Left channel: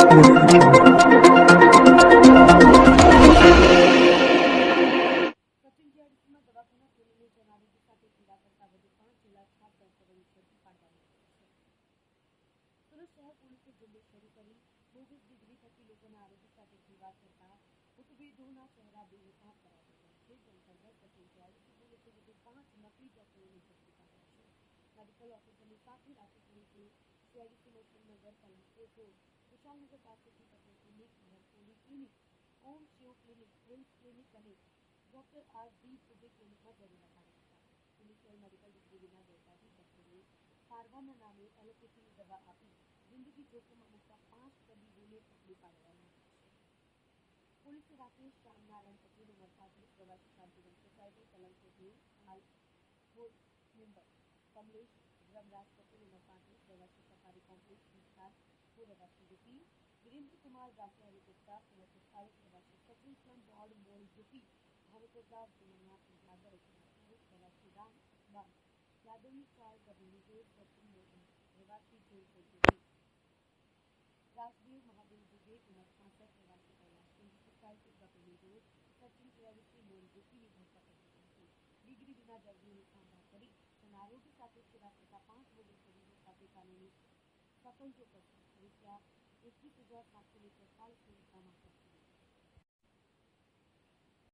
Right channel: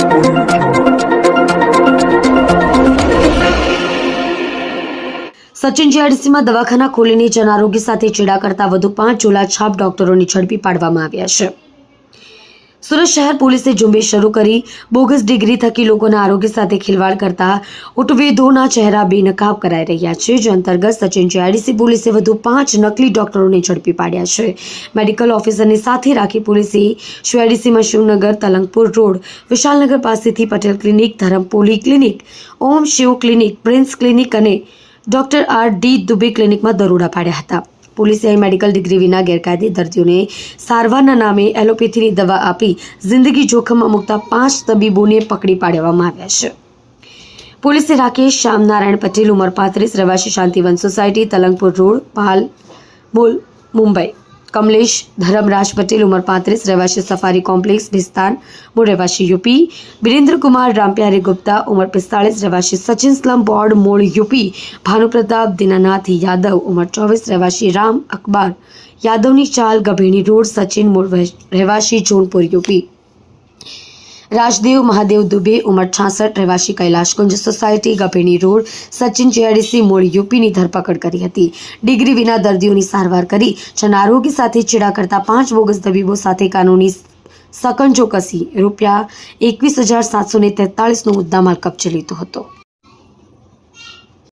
સચિન જીઆઈડીસીમાં દવાખાના ખોલીને જન આરોગ્ય સાથે ચેડા કરતા વધુ 5 ઝોલાછાપ ડોક્ટરોને ઝડપી પાડવામાં આવ્યા છે। સુરત શહેર પોલીસે ઝુંબેશ શરૂ કરી બોગસ ડિગ્રી થકી લોકોના આરોગ્ય સાથે ખિલવાડ કરતા ઉટવેદોના ચહેરા બેનકાબ કરાઈ રહ્યા છે। જે અંતર્ગત સચિન જીઆઈડીસી પોલીસે વધુ 5 નકલી ડોક્ટરોને ઝડપી પાડ્યા છે। મેડિકલ ઓફિસરને સાથે રાખી પોલીસે જીઆઈડીસીમાં શિવનગર તલંગપુર રોડ વિશાલનગર પાસેથી પટેલ ક્લિનિક, ધરમ પોલી ક્લિનિક, ઓમ શિવ ક્લિનિક, પ્રિન્સ ક્લિનિક અને ડોક્ટર આર ડી દુબે ક્લિનિકમાં દરોડા પાડ્યા હતા। પોલીસે અહીં મેડિકલ ડિગ્રી વિના ગેરકાયદે દર્દીઓને સારવારના નામે એલોપેથીની દવા આપી જિંદગી જોખમમાં મૂકતા 5 તબીબોને પકડી પાડવામાં આવ્યા છે। પોલીસે રાકેશ શ્યામ નારાયણ પટેલ, ઉંમર 35, રહેવાસી શાંતિવન સોસાયટી, તલંગપુર રોડ, પાલ મોલ, મુંબઈ; કમલેશ ધરમરાજ પટેલ, ઉંમર 35, રહેવાસી સફારી કોમ્પ્લેક્સ, ભિસ્તાન, મૂળ રહેવાસી યુપી; વિરેન્દ્ર કુમાર રામપ્યારી ગુપ્તા, ઉંમર 45, રહેવાસી સચિન સ્લમ બોર્ડ, મૂળ યુપી; ભાનુપ્રતાપ દીનાનાથ યાદવ, ઉંમર 24, રહેવાસી રામ અકબર યાદવની ચાલ, ગભેણી રોડ, સચિન, મૂળ રહેવાસી જોનપુર યુપી; રાજદેવ મહાદેવ દુબે, ઉંમર 66, રહેવાસી કૈલાશકુંજ સોસાયટી, ગભેણી રોડ, સચિન જીઆઈડીસી મૂળ યુપીની ધરપકડ કરી હતી। ડિગ્રી વિના દર્દીઓની સારવાર કરી જન આરોગ્ય સાથે ચેડા કરતા 5 બોગસ તબીબો સાથે કાનૂની સકંજો કસી રૂપિયા 21,743નો મુદ્દામાલ કબજે લીધો હતો।